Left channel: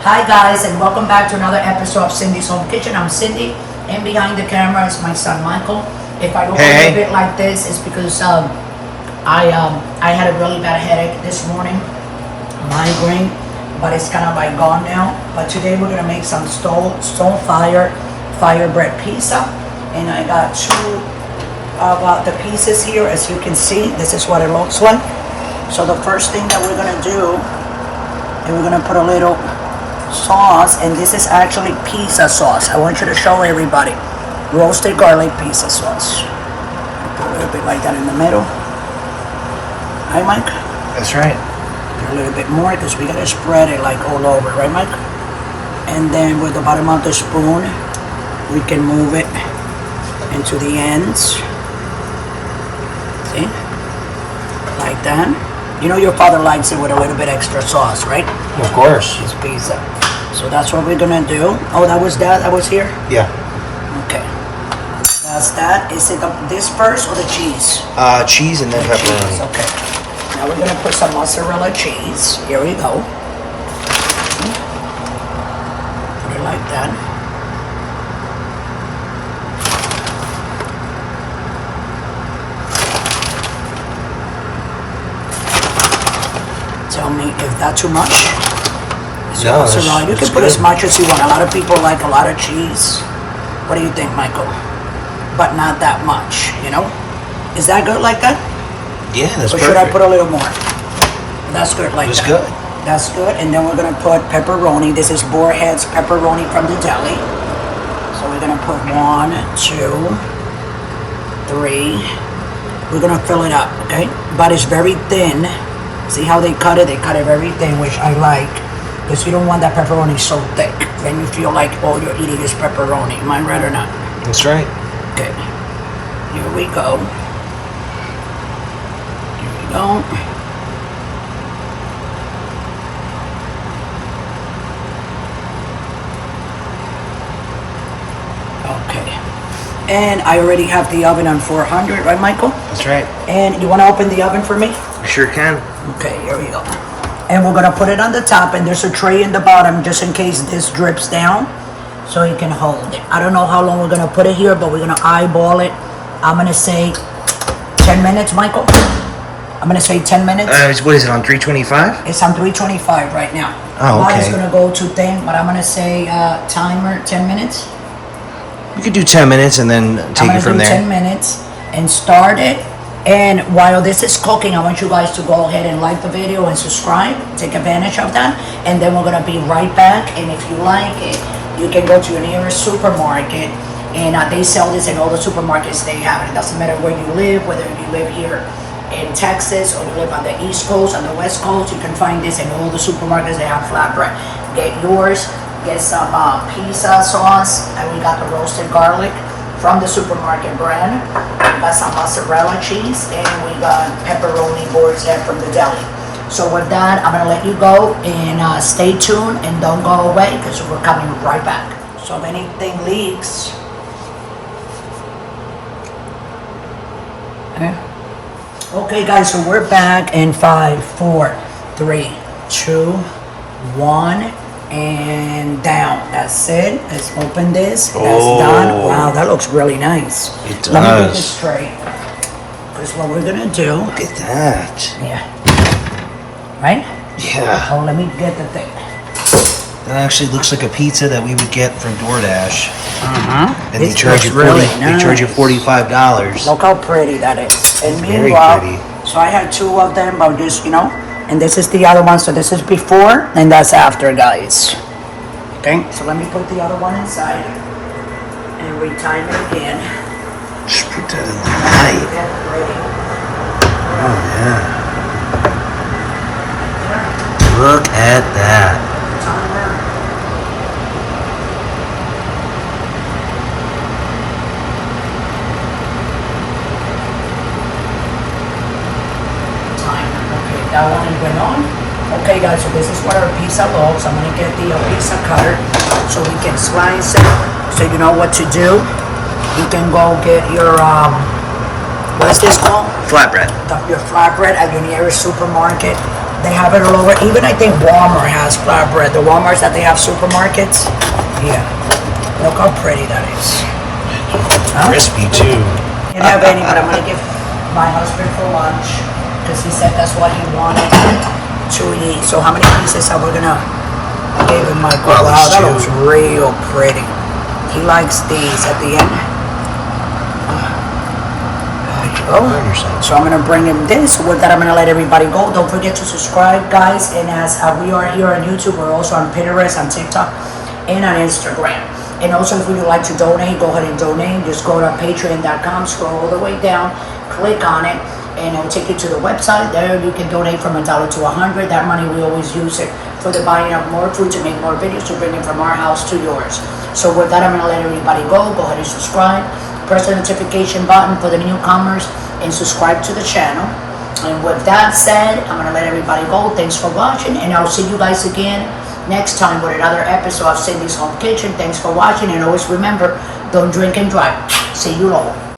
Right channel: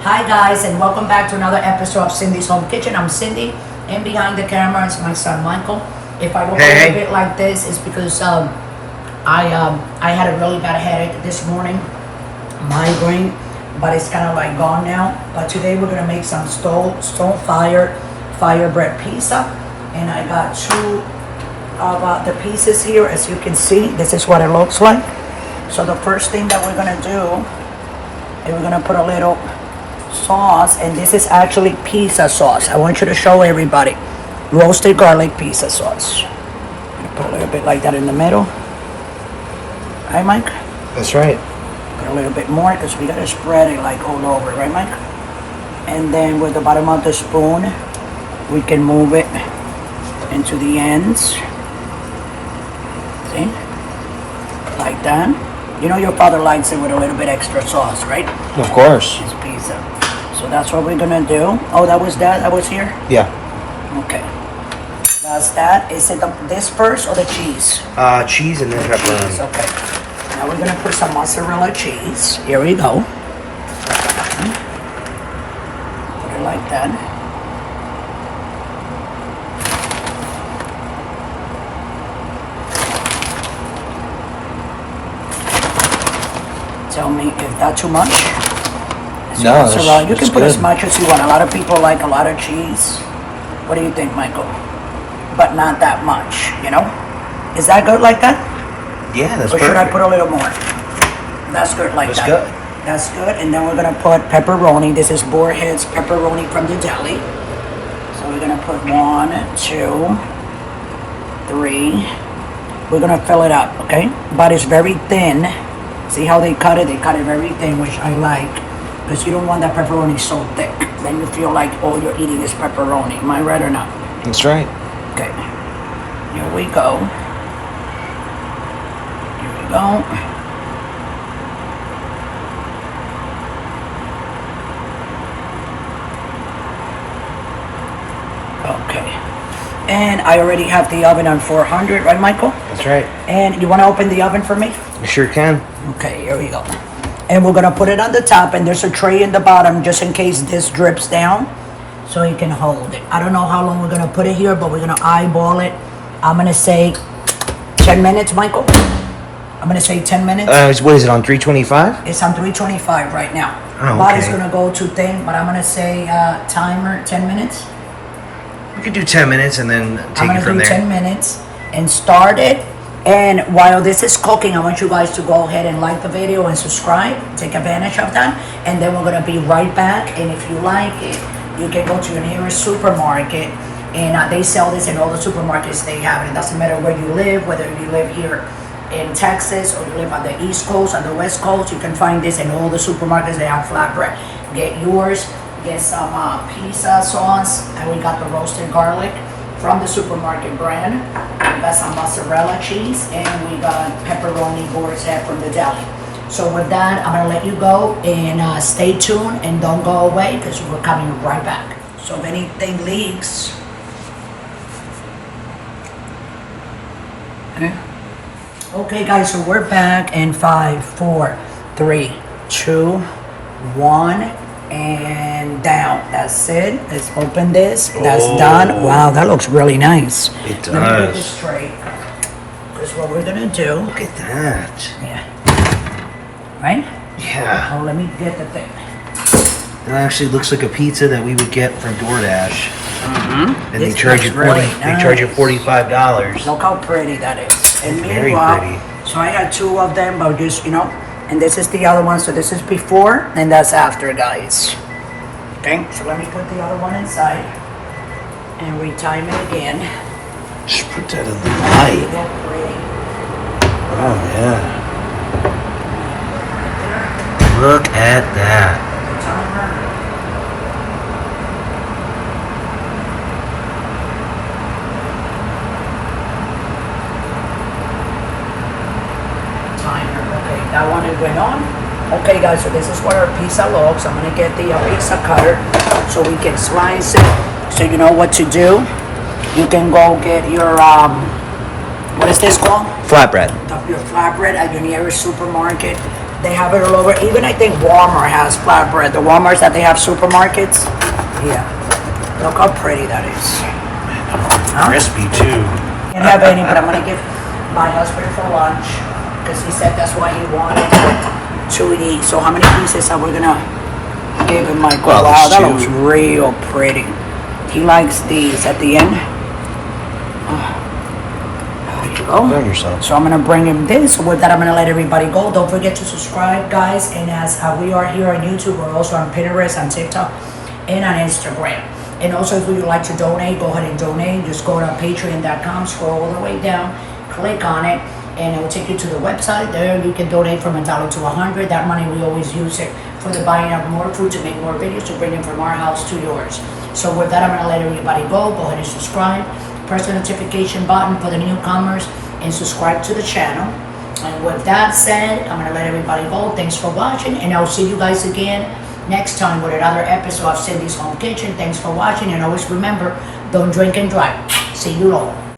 Hi guys, and welcome back to another episode of Cindy's Home Kitchen. I'm Cindy, and behind the camera is my son Michael. If I look a little bit like this, it's because I had a really bad headache this morning, migraine, but it's kind of like gone now. But today we're gonna make some Stonefire bread pizza, and I got two of the pieces here. As you can see, this is what it looks like. So the first thing that we're gonna do is we're gonna put a little sauce, and this is actually pizza sauce. I want you to show everybody roasted garlic pizza sauce. Put a little bit like that in the middle. Right, Mike? That's right. Put a little bit more because we gotta spread it like all over, right, Mike? And then with the bottom of the spoon, we can move it into the ends. See? Like that. You know your father likes it with a little bit extra sauce, right? Of course. It's pizza. So that's what we're gonna do. Oh, that was here? Yeah. Okay. That's that. Is it this first or the cheese? Cheese and then pepperoni. Cheese, okay. Now we're gonna put some mozzarella cheese. Here we go. Put it like that. Tell me if that's too much. No, you can put as much as you want. A lot of people like a lot of cheese. What do you think, Michael? But not that much, you know? Is that good like that? Yeah, that's or perfect. Or should I put a little more? That's good like that's that. Good. That's good. And then we're gonna put pepperoni. This is Boarhead's pepperoni from the deli. So we're gonna put 1, 2, 3. We're gonna fill it up, okay? But it's very thin. See how they cut it? They cut it very thin, which I like, because you don't want that pepperoni so thick. Then you feel like all you're eating is pepperoni. Am I right or not? That's right. Okay. Here we go. Here we go. Okay. And I already have the oven on 400, right, Michael? That's right. And you want to open the oven for me? I sure can. Okay, here we go. And we're gonna put it on the top, and there's a tray in the bottom just in case this drips down, so you can hold it. I don't know how long we're gonna put it here, but we're gonna eyeball it. I'm gonna say 10 minutes, Michael. I'm gonna say 10 minutes. What is it, on 325? It's on 325 right now. Oh, But okay. it's gonna go too thin, but I'm gonna say timer 10 minutes. We could do 10 minutes and then take it from there. 10 minutes and start it. And while this is cooking, I want you guys to go ahead and like the video and subscribe. Take advantage of that. And then we're gonna be right back. And if you like it, you can go to your nearest supermarket, and they sell this in all the supermarkets they have. It doesn't matter where you live, whether you live here in Texas or you live on the East Coast, on the West Coast, you can find this in all the supermarkets. They have flatbread. Get yours. Get some pizza sauce, and we got the roasted garlic from the supermarket brand. We got some mozzarella cheese, and we got pepperoni boards from the deli. So with that, I'm gonna let you go, and stay tuned and don't go away, because we're coming right back. So if anything leaks, okay guys, so we're back in 5, 4, 3, 2, 1. And down. That's it. Let's open this. That's done. Wow, that looks really nice. It does. Let me get this straight. Because what we're gonna do. Look at that. Yeah. Right? Yeah. Oh, let me get the thing. It actually looks like a pizza that we would get from DoorDash. And This they charge you looks really They charge you $45. Look how pretty that is. And It's very meanwhile, pretty. So I have 2 of them, but just, you know. And this is the other one, so this is before, and that's after, guys. Okay, so let me put the other one inside, and retime it again. Just put that in the light. Oh, yeah. Look at that. That one went on. Okay guys, so this is what our pizza looks. I'm gonna get the pizza cutter so we can slice it. So you know what to do. You can go get your what is this called? Flatbread. Your flatbread at your nearest supermarket. They have it all over. Even I think Walmart has flatbread. The Walmarts that they have supermarkets. Yeah. Look how pretty that is. Crispy too. Can't have any, but I'm gonna give my husband for lunch because he said that's what he wanted to eat. So how many pieces are we gonna give him, Michael? Well, Wow, that two. looks real pretty. He likes these at the end. There you go. Have yourself. So I'm gonna bring him this. So with that, I'm gonna let everybody go. Don't forget to subscribe, guys. And as we are here on YouTube, we're also on Pinterest, on TikTok, and on Instagram. And also, if you'd like to donate, go ahead and donate. Just go to patreon.com, scroll all the way down, click on it, and it will take you to the website. There you can donate from $1 to $100. That money, we always use it for the buying of more food, to make more videos, to bring it from our house to yours. So with that, I'm gonna let everybody go. Go ahead and subscribe. Press the notification button for the newcomers and subscribe to the channel. And with that said, I'm gonna let everybody go. Thanks for watching, and I'll see you guys again next time with another episode of Cindy's Home Kitchen. Thanks for watching, and always remember, don't drink and drive. See you all.